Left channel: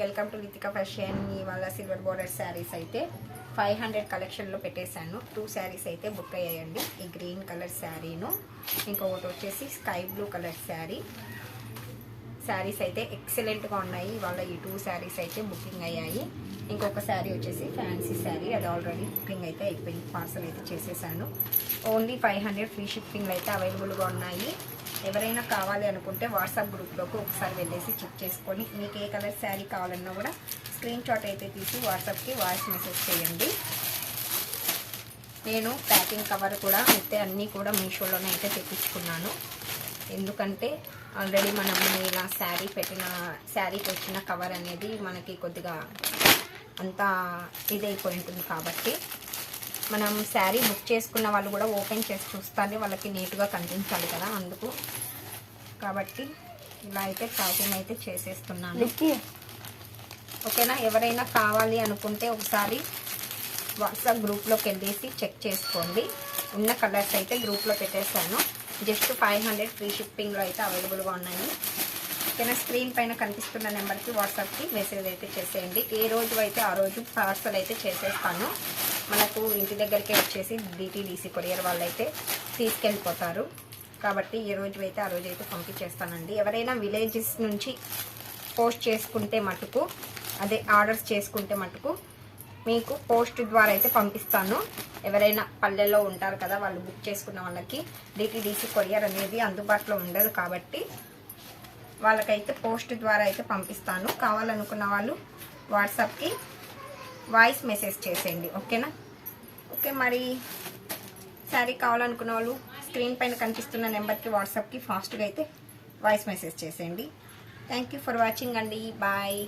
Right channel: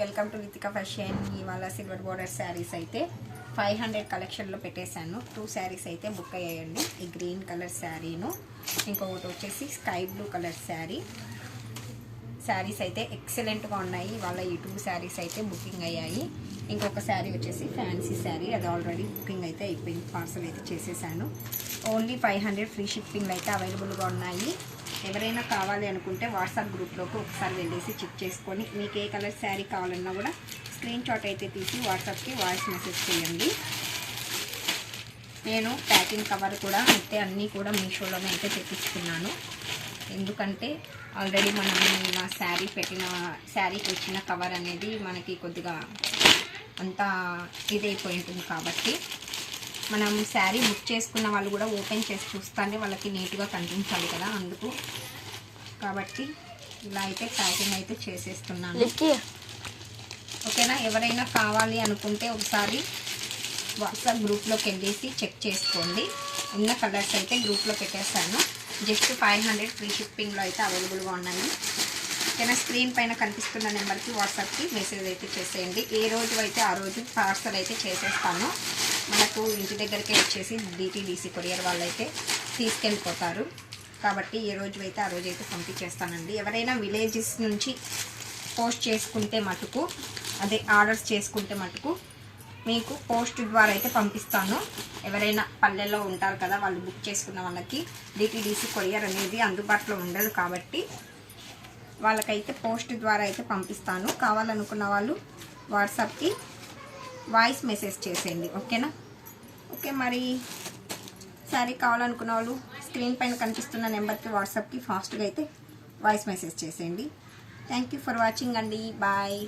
Welcome to Ritika fashion. ఇవాళ silver border saris అయితే 500 కలెక్షన్లో పెట్టేశాను. 2 శారీస్ అయితే బుక్ అయ్యాయండి. ఈ గ్రీన్ కలర్ శారీను, ఇంకొకటి వచ్చేసి sky blue colour sari. Saris అయితే ఎక్సలెంట్గా ఉన్నాయి. ఇవాళ ఈ 2 శారీస్ అయితే బుకింగ్ అయ్యాయి. ఇంకొక శారీ వచ్చేసి ఫ్యాన్సీ శారీ, అది ఆల్రెడీ బుకింగ్ అయితే అయిపోయింది. పార్సల్ అయితే చేసేసాను. ఓన్లీ 500 ఫ్రీ షిప్పింగ్లు అయితే అవైలబుల్గా ఉన్నాయి. ఎవరైనా కావాలి అనుకుంటే వాట్సాప్ గ్రూప్లోకి ఒకసారి వెళ్ళేసి చెక్ చేసుకొని మీకు ఏ కలర్ శారీ కావాలన్నా కూడా స్క్రీన్ షాట్ అయితే తీసి వాట్సాప్కి వాయిస్ మెసేజ్ చేయండి. నేను ప్యాకింగ్ కవర్ కూడా అయితే అన్నీ కూడా మీషోలోనే అయితే తెప్పించుకున్నాను. ఎందుకంటే ఆల్రెడీ మనం ఇలా శారీకి వచ్చిన కవర్ అనేది మనకి కొద్దిగా అంతా ఇదైపోయి ఉంటుంది కాబట్టి మనం శారీ బుక్ చేసుకున్న వాళ్ళు కూడా ఓపెన్ చేసి చూస్తానే వాళ్ళకి నీట్గా కనిపించాలి కదా, అందుకు కాబట్టి ఇలా అయితే ప్యాకింగ్ అయితే చేసేస్తున్నాను. ఓకేనా? ఎవరైనా కావాలి అనుకుంటే ఒకసారి వాట్సాప్ గ్రూప్లోకి వెళ్ళేసి చెక్ చేసుకోండి. ఉన్న కలర్స్ అయితే గ్రూప్లో పెట్టేశాను. జస్ట్ 500 ఫ్రీ షిప్పింగ్లో అయితే అవైలబుల్గా ఉన్నాయి. ఓకేనా? స్క్రీన్ పైన కనిపిస్తున్న నెంబర్కి వాట్సాప్కి మెసేజ్ అయితే చేసేయండి. ఏ రోజు అయితే ఆ రోజు పార్సల్ అయితే చేసేస్తాను. మనకు ఇంటి దగ్గరికి వచ్చేసి DTDC కొరియర్ వాళ్ళు అయితే తీసుకెళ్ళిపోతారు. కాబట్టి ఏ రోజు అయితే ఆ రోజు అయితే పంపించేస్తానండి. ఎవరైనా విలేజెస్ నుంచి పోస్ట్ చేసుకుంటే మటుకు, అదే ఆర్డర్స్ చేసుకుంటే మటుకు మీకు పోస్ట్ ద్వారా అయితే పంపిస్తాను. ఎవరైనా పల్లెల్లో ఉంటారు కదా, వాళ్ళు బుక్ చేసుకున్న వాళ్ళకి DTDC కొరియర్ అనేది అందుబాటులో ఉండదు కాబట్టి వాళ్ళకైతే పోస్ట్ ద్వారా అయితే పంపిస్తాను. కావాలనుకున్న వాళ్ళు వాట్సాప్కి వాయిస్ మెసేజ్ చేసేయండి. ఓకేనా? ఓకే, మరి శారీ కావాలనుకున్న వాళ్ళు స్క్రీన్ పైన కనిపిస్తున్న నెంబర్కి వాట్సాప్కి ఫాస్ట్గా అయితే వాయిస్ మెసేజ్ చేసేయండి. థ్యాంక్ యూ ఫర్ వాచింగ్ అండి. బాయ్.